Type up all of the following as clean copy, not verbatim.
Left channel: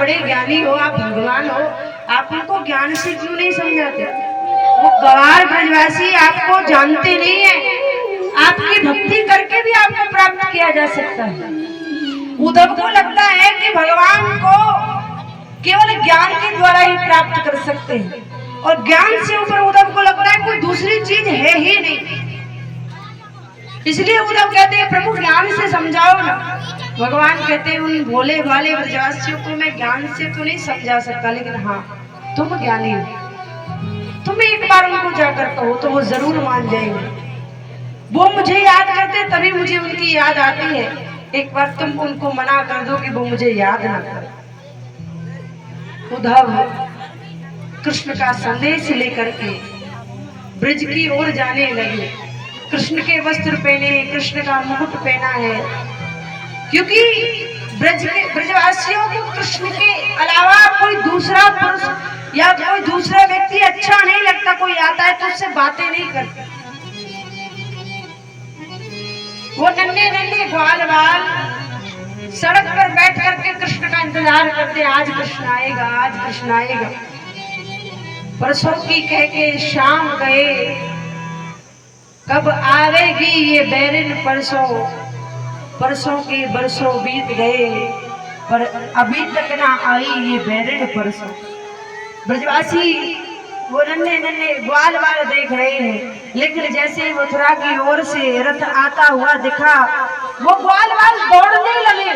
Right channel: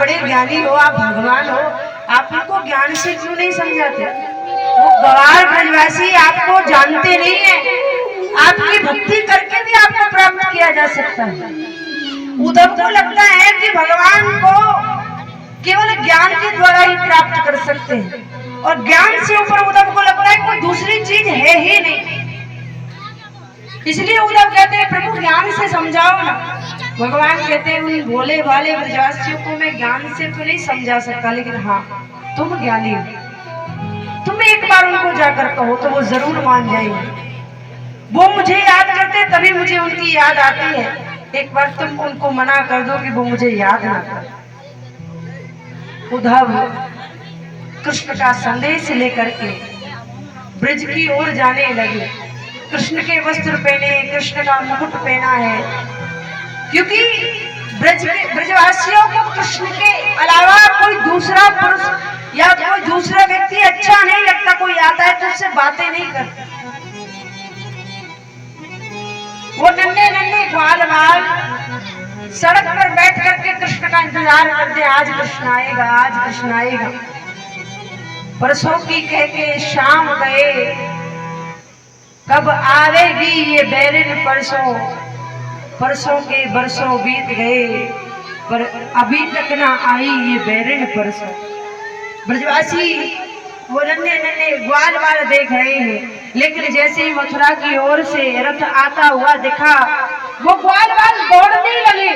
बड़े ज्ञानी हो, आप भगवान हो, आप उनको ज्ञान से क्यों नहीं समझाते? वो गवार ब्रजवासी आपको जानते नहीं है, आपकी भक्ति करके भी आपको प्राप्त किया जा सकता है। उद्धव को लगता है कि भगवान को केवल ज्ञान के द्वारा ही प्राप्त कर सकते हैं, और ज्ञान से ऊपर उद्धव को लगता है कोई दूसरी चीज है ही नहीं। इसलिए उद्धव कहते हैं प्रभु ज्ञान से समझाओ ना। भगवान कहते हैं उन भोले भाले ब्रजवासियों को मैं ज्ञान से तो नहीं समझा सकता, लेकिन हाँ तुम ज्ञानी हो, तुम एक बार उनको जाकर कहो तो वो जरूर मान जाएंगे। वो मुझे याद करते तभी मुझे उनकी याद आती है, एक बार तुम उनको मना कर दो कि वो मुझे याद ना करे। उद्धव कृष्ण का संदेश लेकर के ब्रज की ओर जाने लगे। कृष्ण के वस्त्र पहने, कृष्ण का मुकुट पहना है, क्योंकि ब्रजवासियों को कृष्ण के अलावा कोई दूसरा पुरुष या कोई दूसरा व्यक्ति अच्छा नहीं लगता। कोई आता है तो उससे बातें नहीं करते। वो नन्हे नन्हे ग्वाल बाल सड़क पर बैठ करके कृष्ण का इंतजार करते, आज कृष्ण आएगा, आज कृष्ण आएगा। बरसों की कह के शाम गए, कब आवेगी ये बैरिन परसों, परसों के बरसों बीत गए, पर अभी तक ना आई ये बैरिन परसों। ब्रजवासी वो नन्हे नन्हे ग्वाल बाल देख रहे हैं, लेकिन जैसे ही मथुरा की ओर से रथ आता हुआ दिखा, वो ग्वाल बाल दौड़ने लगे।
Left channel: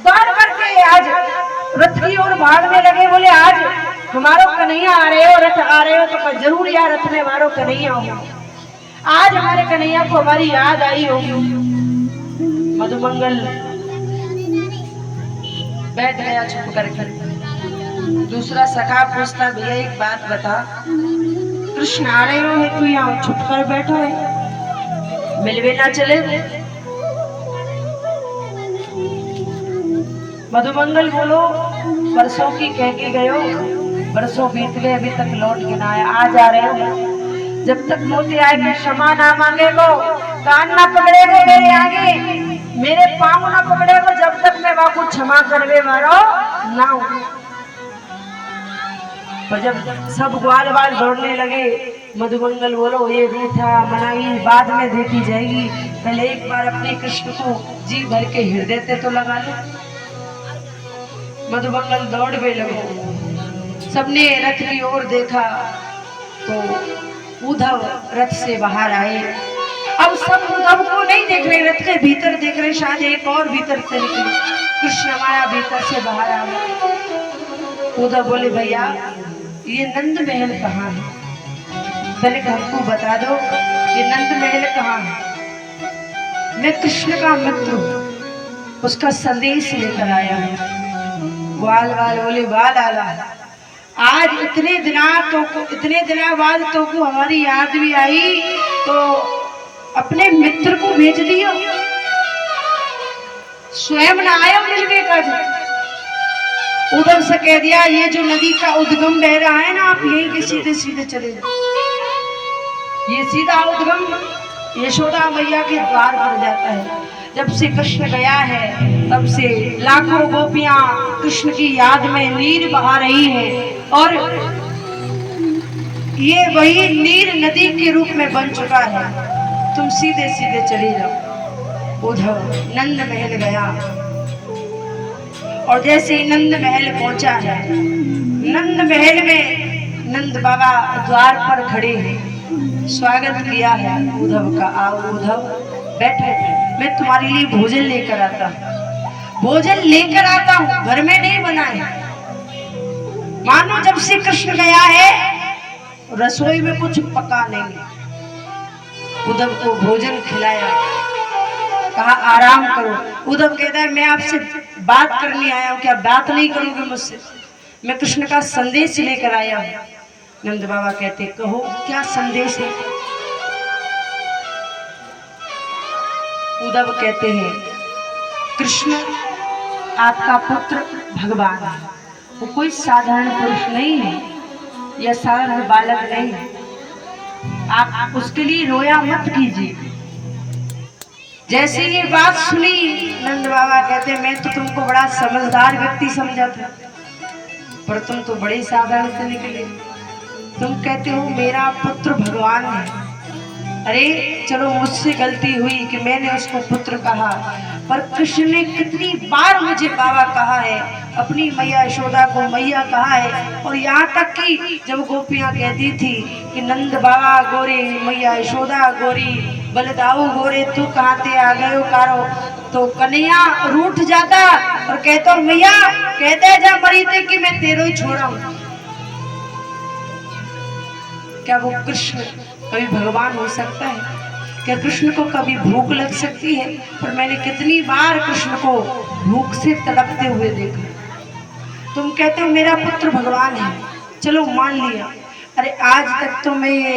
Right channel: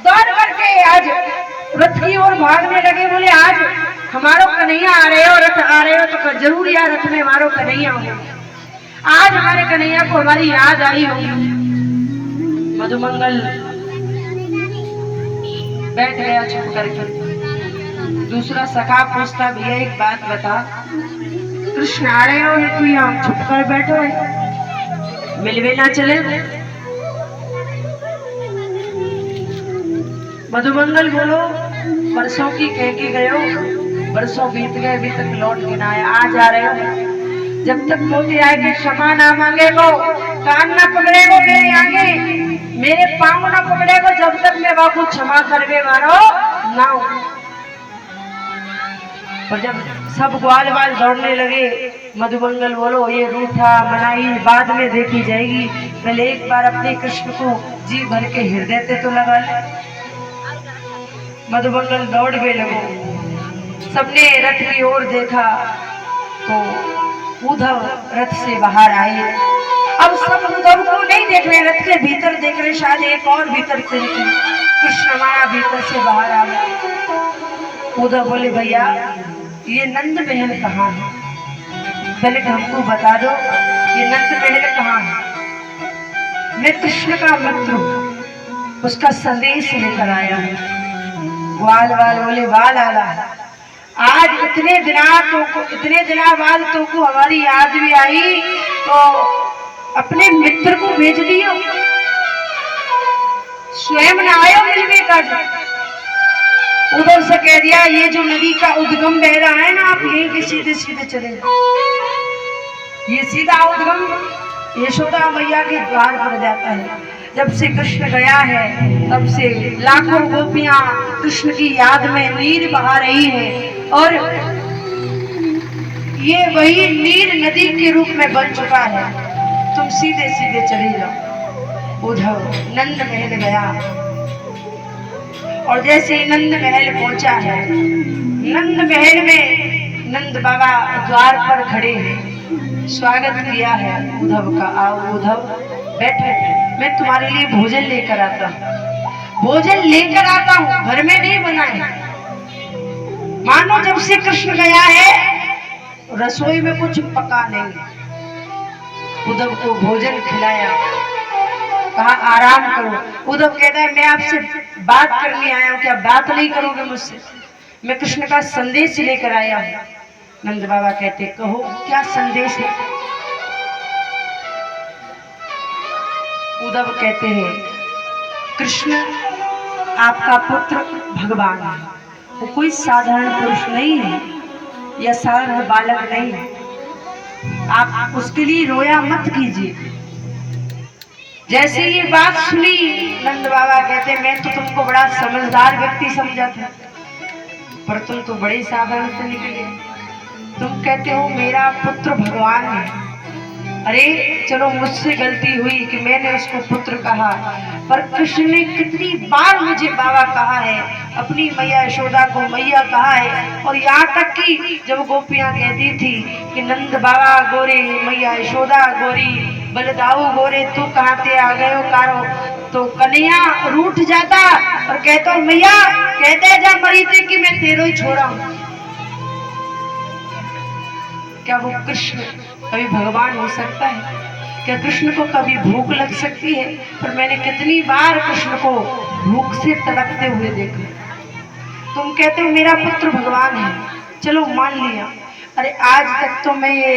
दौड़ करके आज रथ की ओर भागने लगे, बोले आज हमारो कन्हैया आ रहे हो, रथ आ रहे हो तो जरूर यार रथ में हमारो कन्हैया हो, आज हमारे कन्हैया को हमारी याद आई होगी। मधुमंगल बैठ गया चुप करके। दूसरा सखा पूछता, भैया एक बात बता, कृष्ण आ रहे हो है तू यहाँ छुप कर बैठो है, मिलवे ना चले? मधुमंगल बोलो, परसों की कह के गए हो, बरसों बीत गए अभी तक लौट के ना आए, आज आ रहे हो? जब तक मोती आएगी क्षमा ना मांगेगो, कान ना पकड़ेगो मेरे आगे, मेरे पाँव ना पकड़ेगो, जब तक मैं बापू क्षमा करवे मारो ना हो। और जब सब ग्वाल बाल दौड़ने लगे, मधुमंगल बोलो ये रूठा मनाई बाद में देखी जाएगी, पहले एक बार अपने कृष्ण को जी भर के हृदय से तो लगा ले। मधुमंगल दौड़ने लगे, सबने रथ की ओर देखा तो उद्धव रथ से बाहर आए। अब सब उद्धव को नहीं देख रहे, रथ के भीतर देख रहे, शायद एक और भीतर से निकले, कृष्ण हमारा भीतर से बाहर आ गए। उद्धव बोले भैया ये नंद महल कहाँ है? पहले हमको बता दो ये नंद महल कहाँ है? मैं कृष्ण का मित्र हूँ, उसका संदेश लेकर आया हूँ। ग्वाल बाल बोले बाल आला, आज इतने दिना बाद तो को हमारी याद भी आई तो अपने मित्र को भेज दियो, स्वयं न आयो मिलने का। उधर से कह दिया ये जो नदी का उद्गम बह रहा है ना, आप यहीं के सीधे सीधे चले जाओ, ये सीधा उद्गम यशोदा मैया के द्वार पर जाता है। जब से कृष्ण गया है तब से लाखों गोपियां कृष्ण की याद में नीर बहा रही है, और ये वही नीर नदी के रूप में बन चुका है। तुम सीधे सीधे चले जाओ। उद्धव नंद महल गया, और जैसे ही नंद महल पहुंचा है, नंद महल में नंद बाबा द्वार पर खड़े हैं, स्वागत किया है उद्धव का। आओ उद्धव बैठे, मैं तुम्हारे लिए भोजन लेकर आता हूँ, भोजन लेकर आता हूँ, घर में नहीं बनाए। मानो जब से कृष्ण गया है रसोई में कुछ पका नहीं। उद्धव को भोजन खिलाया, कहा आराम करो। उद्धव कहता है मैं आपसे बात करने आया हूँ, क्या बात नहीं करोगे मुझसे? मैं कृष्ण का संदेश लेकर आया हूँ। नंद बाबा कहते कहो क्या संदेश है? उद्धव कहते हैं कृष्ण आपका पुत्र भगवान है, वो कोई साधारण पुरुष नहीं है या साधारण बालक नहीं है, आप उसके लिए रोया मत कीजिए। जैसे ये बात सुनी नंद बाबा कहते मैं तो तुमको बड़ा समझदार व्यक्ति समझा था, पर तुम तो बड़े साधारण से निकले। तुम कहते हो मेरा पुत्र भगवान है। अरे चलो मुझसे गलती हुई कि मैंने उसको पुत्र कहा, पर कृष्ण ने कितनी बार मुझे बाबा कहा है, अपनी मैया यशोदा को मैया कहा है। और यहाँ तक कि जब गोपियां कहती थी कि नंद बाबा गोरे मैया यशोदा गोरी बलदाऊ गोरे तू कहाँ ते आ गए हो कारो, तो कन्हैया रूठ जाता और कहता मैया कहते जा मरी थे कि मैं तेरो ही छोड़ा हूं। क्या वो कृष्ण कभी भगवान हो सकता है? क्या कृष्ण को कभी भूख लग सकती है? पर मैंने कितनी बार कृष्ण को भूख से तड़पते हुए देखा। तुम कहते हो मेरा पुत्र भगवान है, चलो मान लिया। अरे आज तक तो मैं ये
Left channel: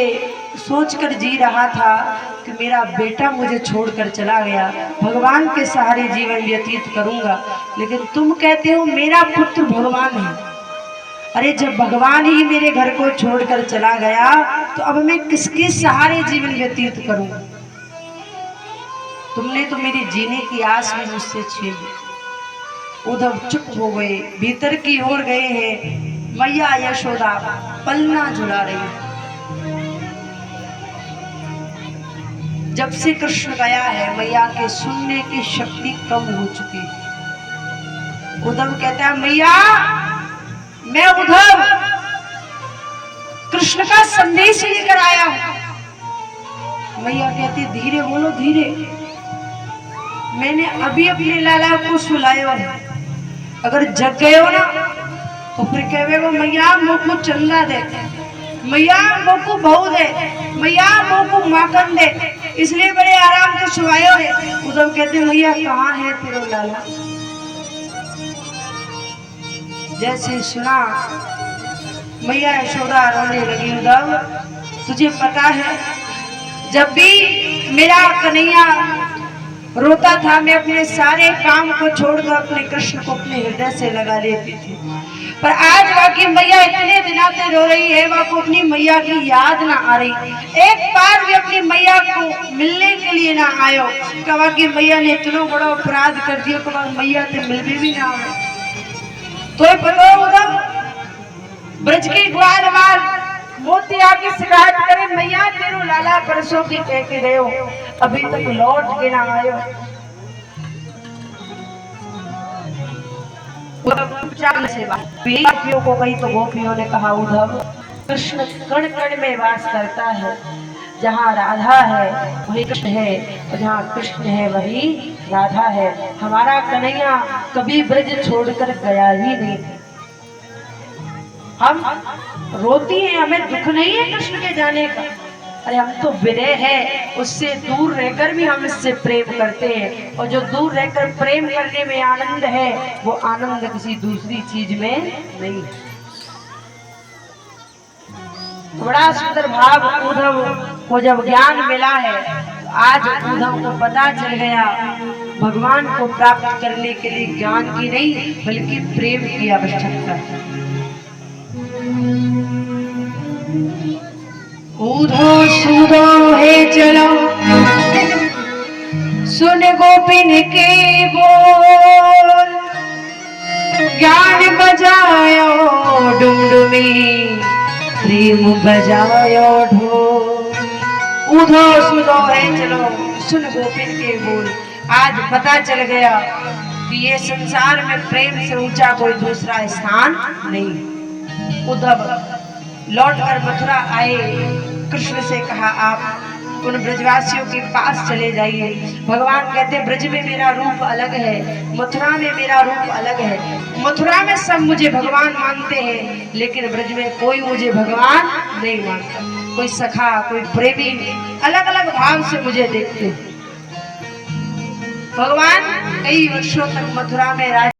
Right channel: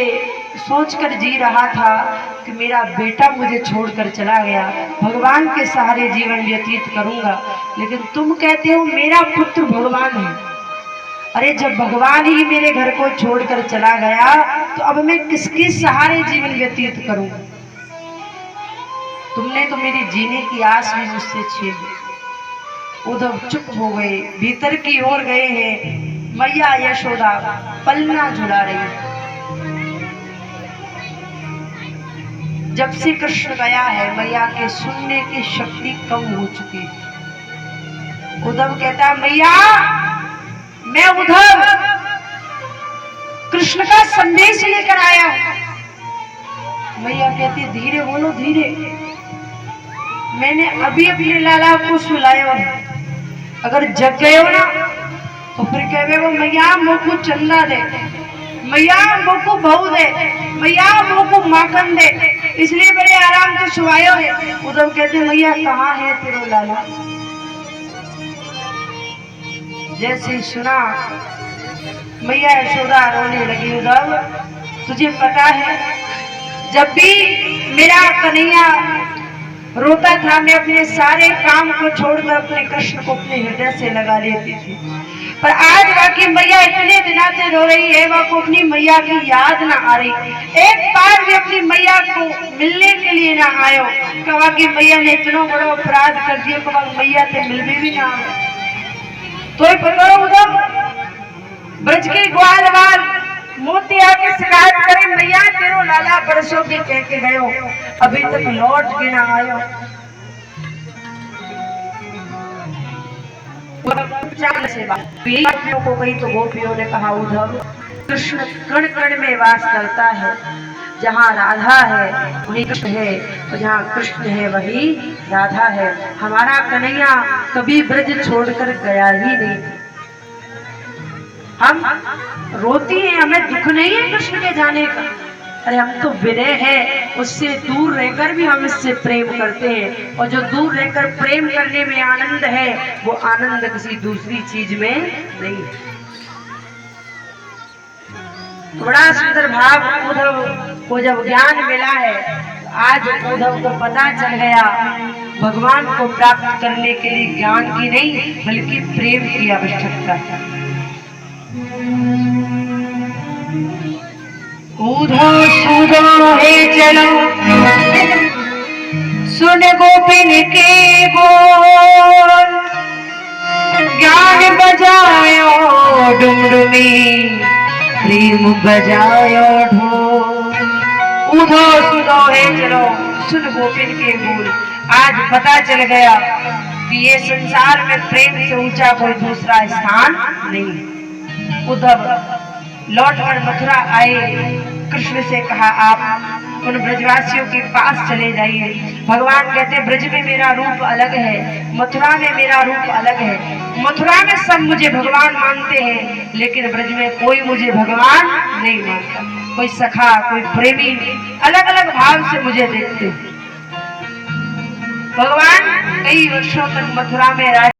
सोचकर जी रहा था कि मेरा बेटा मुझे छोड़कर चला गया, भगवान के सहारे जीवन व्यतीत करूंगा, लेकिन तुम कहते हो मेरा पुत्र भगवान है। अरे जब भगवान ही मेरे घर को छोड़कर चला गया तो अब मैं किसके सहारे जीवन व्यतीत करूं? तुमने तो मेरी जीने की आस भी मुझसे छीन ली। उद्धव चुप हो गए, भीतर की ओर गए हैं। मैया यशोदा पलना झुला रही है। जब से कृष्ण गया है मैया के सुनने की शक्ति कम हो चुकी है। उद्धव कहता है मैया मैं उद्धव कृष्ण का संदेश लेकर आया हूं। मैया कहती धीरे बोलो धीरे, मैंने अभी अपने लाला को सुलाया है, अगर जग गए हो ना तो फिर कहे वो मैया मोको चंदा दे, मैया मोको बहू दे, मैया मोको माखन दे, इसलिए बड़े आराम से सुलायो है। उद्धव कहते मैया कहाँ है तेरो लाला? जैसे सुना मैया यशोदा रोने लगी। उद्धव तुझे पता है जब भी मेरा कन्हैया रोता था मैं अपने सारे काम को छोड़कर अपने कृष्ण को अपने हृदय से लगा लेती थी, पर आज बाकी मैया इतने दिनों से रो रही है, वह को अपनी मैया की याद ना आ रही। एक बार भी अपनी मैया को मिलने के लिए ना आयो, कहा कि मैया ने इतना बड़ा अपराध कर दिया, कहा मैया से मिलने भी ना आए। तो पता उधर ब्रज के ग्वालवाल मोती आके शिकायत करे मैया तेरो लाला परसों की कह के गयो, अभी तक लौट के ना आयो। से गोपियों को कही तो गोपियों ने कहा उद्धव कृष्ण कण कण में वास करता है, जहाँ राधा है वही कृष्ण है और जहाँ कृष्ण है वही राधा है। हमारा कन्हैया कभी ब्रज छोड़कर गया ही नहीं। हम रोती हैं, हमें दुख नहीं है कृष्ण के जाने का। अरे हम तो विरह है, उससे दूर रहकर भी हम इससे प्रेम करते हैं, और जो दूर रहकर प्रेम करने में आनंद है वो आनंद किसी दूसरी चीज में नहीं है। बड़ा सुंदर भाव उद्धव को जब ज्ञान मिला है, आज उद्धव को पता चल गया भगवान को प्राप्त करने के लिए ज्ञान की नहीं बल्कि प्रेम की आवश्यकता है। उद्धव सुनो हे चलो सुन गोपिन के बोल, ज्ञान बजायो डुमडुमी प्रेम बजायो ढोल। उद्धव सुनो हे चलो सुन गोपिन के बोल। आज पता चल गया कि ये संसार में प्रेम से ऊंचा कोई दूसरा स्थान नहीं। उद्धव लौटकर मथुरा आए, कृष्ण से कहा आप उन ब्रजवासियों के पास चले जाइए। भगवान कहते ब्रज में मेरा रूप अलग है, मथुरा में मेरा रूप अलग है। मथुरा में सब मुझे भगवान मानते हैं, लेकिन ब्रज में कोई मुझे भगवान नहीं मानता। कोई सखा कोई प्रेमी अलग अलग भाव से मुझे देखते। भगवान कई वर्षों तक मथुरा में रह